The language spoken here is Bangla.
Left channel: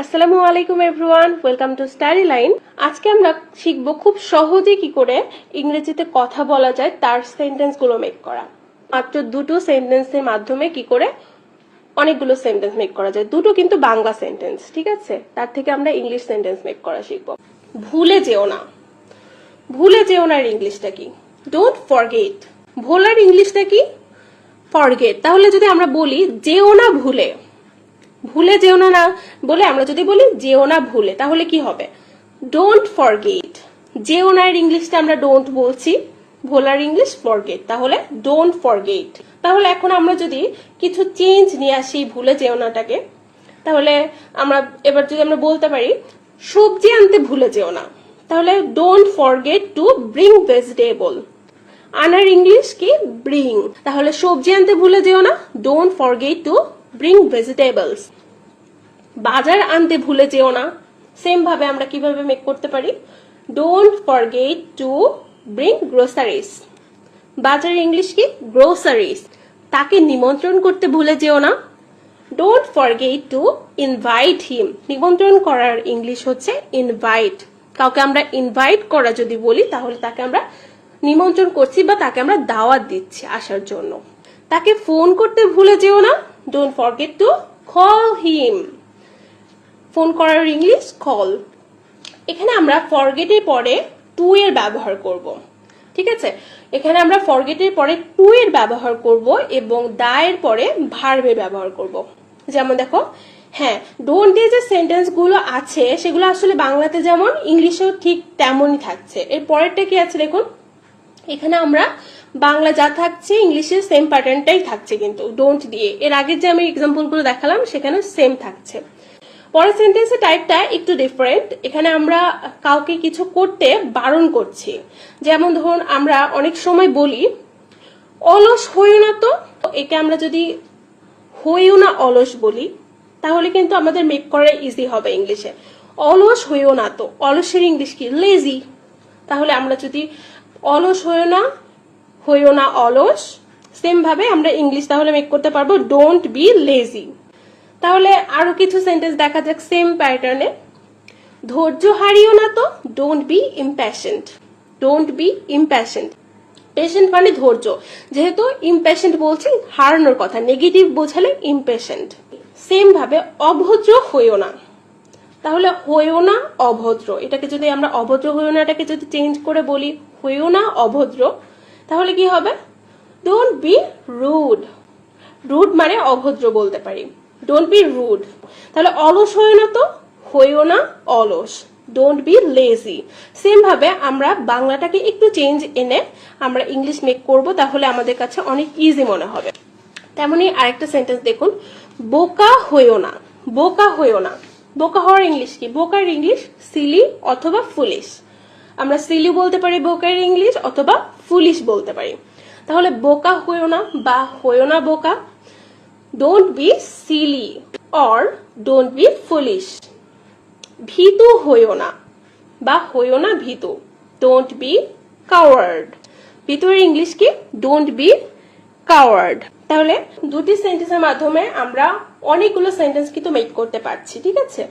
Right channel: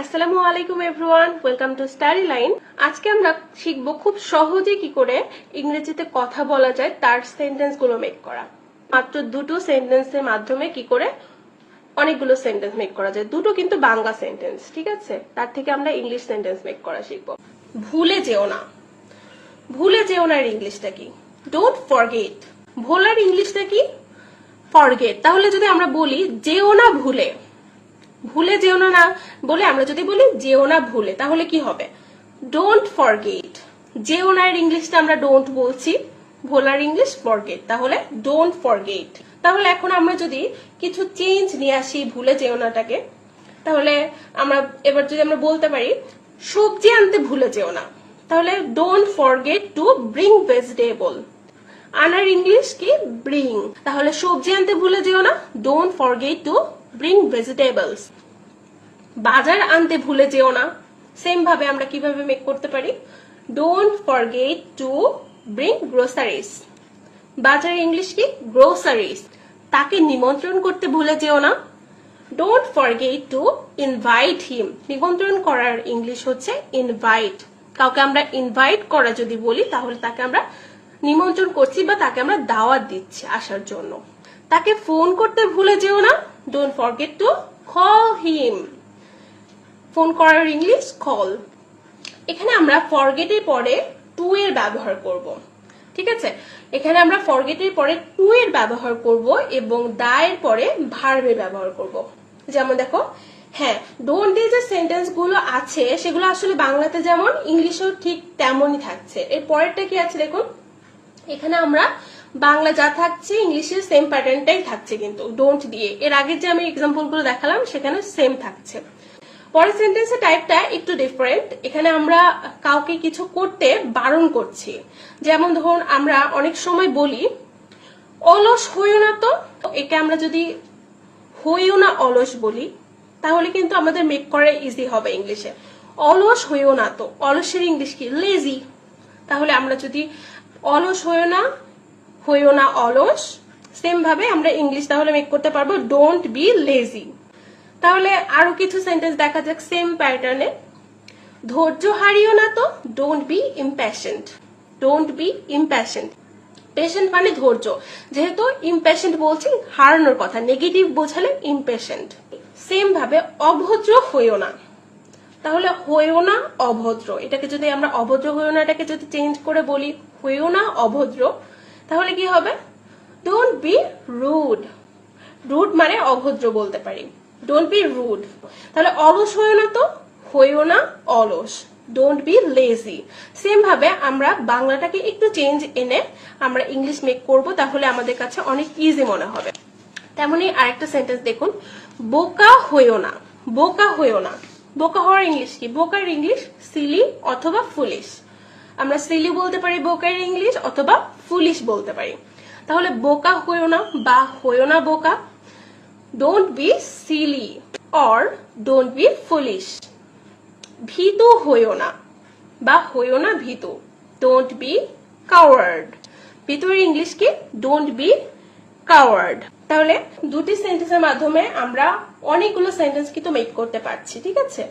আসসালামু আলাইকুম everyone, welcome to study line. আজকে আমরা শিখব খুব সহজে কি করে ইংরেজিতে কথা বলা যায় তার সেন্টেন্স গুলো মেক করা। মাত্র দুটো সেন্টেন্সের মাধ্যমে কি করে অনেকগুলো সেন্টেন্স মেক করা যায়। দুটো কিন্তু বাংলা সেন্টেন্স, ঠিক আছে? তার থেকে আমরা ইংলিশ সেন্টেন্স মেক করা শিখবো। ভুলে যেও না। ভুলে যেও না এর ইংলিশটা কি? Don't forget. ভোলার ইংলিশটা কি? ফরগেট। তাহলে যদি আমরা বলি যেও না ভুলে, ভুলে যেও না না বলে আমরা যদি বলি যেও না ভুলে, তাহলে কি হবে? Don't forget. যেও না এর ইংলিশটা আমরা ডোন্ট বলছি, ভোলার ইংলিশ ফরগেট, তাহলে ডোন্ট ফরগেট। তাহলে এখন আমরা যদি কিছু চেঞ্জ নিয়ে আসি ভুলে যেও নাটাকে, তাহলে আমরা এবার যদি আমরা বলতে পারি সবজি আনতে ভুলে যেও না, তাহলে don't forget to bring vegetable. আনার ইংলিশ কি? ব্রিং। তাহলে সবজি আনতে ভুলে যেও না, don't forget to bring vegetables. বাজার আনতে ভুলে যেও না, সেম ভাবে আমরা কিভাবে মেক করতে পারি? Don't forget to bring groceries. বাজার ইংলিশ কি? গ্রোসারিজ। তাকে নিমন্ত্রণ করতে ভুলে যেও না, don't forget to invite him. নিমন্ত্রণ করার ইংলিশ হচ্ছে ইনভাইট। কাউকে আমরা ইনভাইট করা যদি বলি, তাহলে তাকে আমরা নিমন্ত্রণ করছি বা তাকে আমরা দাওয়াত দিচ্ছি আসার জন্য। তাকে ফোন করতে ভুলে যেও না, don't forget to call him. Phone করার ইংলিশ কল। এখানে আমরা ফরগেট এর পরে টু এর ব্যবহার করব, ঠিক আছে? এখানে আমরা ফরগেট এর পরে টু এর ব্যবহার করব এবং দা এর পরে ভার্বের ব্যবহার করব। যেমন দেখো, হ্যাঁ, ডোন্ট দিয়ে যে সেন্টেন্স গুলো আছে সেগুলো আসলে বাংলাতে যেমন ইংলিশেও ঠিক তেমনই থাকছে। এর পরেরটা কি আছে দেখুন, এখানে আমরা বাংলা যা থাকছে ইংলিশের সেম প্যাটার্নটাই থাকছে, কিন্তু ডোন্ট দিয়ে। এর আগের যে আমি এক্সাম্পল গুলো দেখালাম সেখানে সেম থাকছে। পরের সেন্টেন্সের টাইপটা একটু ডিফারেন্ট। এখানে আমরা কাউকে কিছু করতে বারণ করছি। যেমন ধরুন আমরা অনেক সময় বলি অলস হইও না তো, একে আমরা যদি হইও না অলস বলি তাহলে কিন্তু আমাদের মেক করা ইজি হবে ইংলিশে। অলস হইও না তো, অলসের ইংলিশ কি? লেজি। তাহলে আমরা যদি অলস হইও না অলস, সেম ভাবে আমরা ইংলিশ তাহলে মেক করতে পারবো ডোন্ট বি লেজি। তাহলে আরো কিছু সেন্টেন্স দেখা যাক সেম প্যাটার্নে। ধৈর্য হারিও না তো, don't be impatient. Don't be impatient. Patient মানে ধৈর্য, যেহেতু ইম্প্যাশেন্ট বলছি হারানোর কথা, নেগেটিভ বোঝালে ইম্প্যাশেন্ট। সেম ভাবে অভদ্র হইও না, তাহলে হইও না অভদ্র। এটাকে যদি আমরা অভদ্র হইও না এটাকে যদি চেঞ্জ করে বলি হইও না অভদ্র, তাহলে কি হবে? Don't be rude. রুড মানে অভদ্র বলতে পারি, ডোন্ট বি রুড। তাহলে অলস হইও না তো, হইও না অলস, ডোন্ট বি লেজি। সেম ভাবে আমরা বাংলাটাকে একটু চেঞ্জ এনে আমরা ইংলিশ মেক করব, তাহলে আমাদের কাছে অনেক ইজি মনে হবে। তেমনি আরেকটা সেন্টেন্স দেখুন, বোকা হইও না। বোকা হইও না, বোকা হওয়ার ইংলিশ কি? বোকার ইংলিশ সিলি অথবা ফুলিশ। আমরা সিলি বলতে পারি বোকার ইংলিশ, অথবা ফুলিশ বলতে পারি। তাহলে বোকা হইও না বা হইও না বোকা, don't be silly or don't be foolish. ভীতু হইও না বা হইও না ভীতু, ডোন্ট বি কাওয়ার্ড। ভীতুর ইংলিশ কি? Don't be coward. তাহলে দুটি সেন্টেন্সের মাধ্যমে আমরা অনেকগুলো সেন্টেন্স কিন্তু মেক করতে পারছি, ঠিক আছে?